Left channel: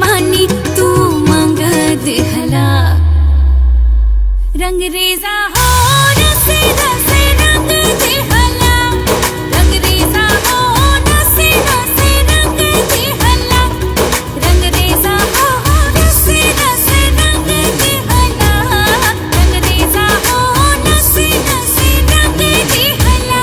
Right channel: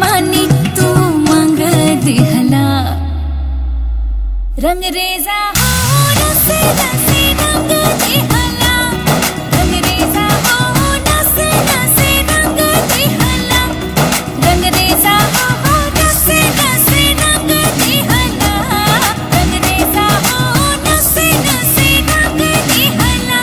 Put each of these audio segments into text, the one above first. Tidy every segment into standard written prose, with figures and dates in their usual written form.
बानी तू मंग दिहला रंग रेजा हो नसे नसे रंग दिहला रंग रेजा हो नसे नसे रंग दिहला रंग रेजा हो नसे नसे रंग दिहला रंग रेजा हो नसे नसे रंग दिहला।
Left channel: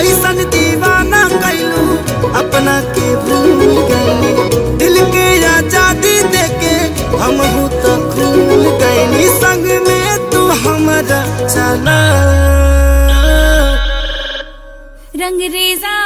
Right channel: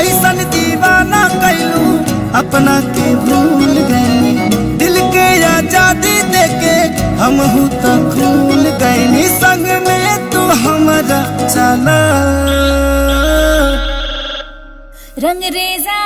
ऐसन दीवाना कैलू अपना के भूल गई दिल के आजादी देके हम तो खूल गई संग में तू हमारा चला रंग रेजा